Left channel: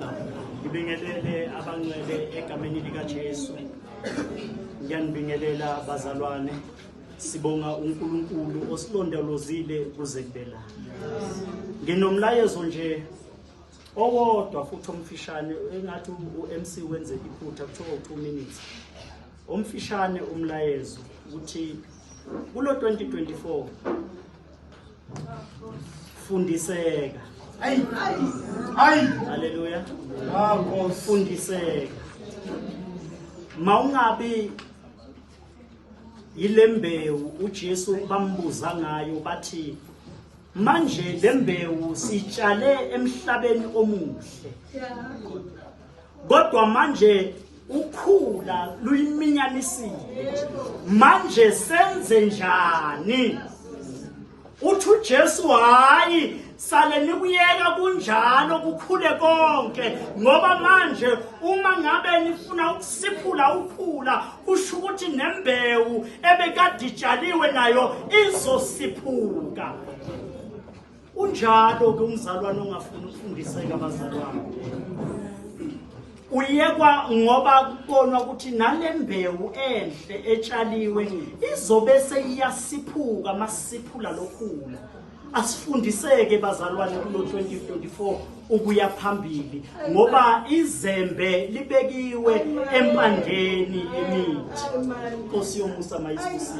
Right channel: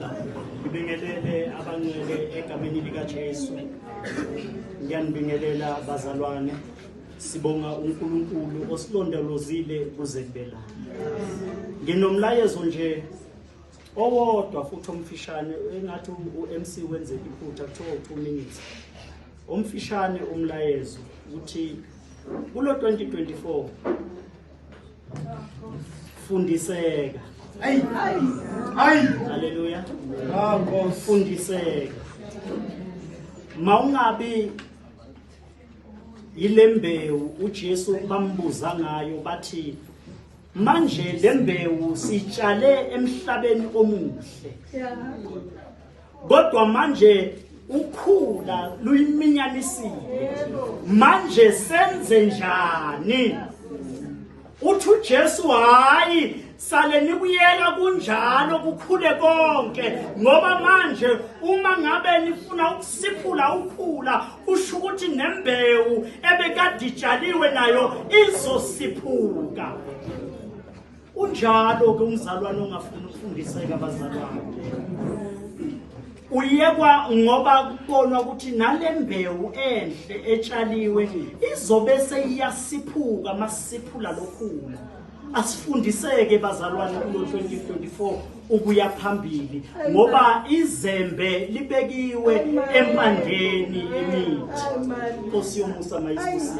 haleluya. Ngibingelele abangcwele egameni lika Jesu. Ngiyanibingelela bazalwane. Sibonga uNkulunkulu osilondolozile kuze kubela. Nginomlayezo nje owodwa futhi omfishane engathi uMC wenze iphutha kuthiwa 2 minutes. Omfishane umlayezo uthi kulo 2024 fundiseka. Haleluya. Fundiseka. Mawungabi yilembewu uJesu bambuza ngayo bathi manje lembewu sitshale emhlabeni omuhle. Kodwa manje ukhula luyiminyanisile. Manje senze njani? Uthi uJesu hayi sale nikuyela kunjalo kukhule konke ngoba manje uma ngabe nifuna ukusiphula ukhula kusho ukuthi nembewu ebekade itshaliwe nayo izosiphuka. Unjalo ke umzalwane ongafuna ukufundiseka abazalwane. Uyekwa ngoba kubonwa ukuthi nalembewu enhle etshaliwe izobe seyiyasiphuka masiphula lokhula. Asifundiseke bazalwane kulo 2024 ukuya phambili ngoba izembe libekiwe empandeni emithi. Nkosi yomusa mayisibusise.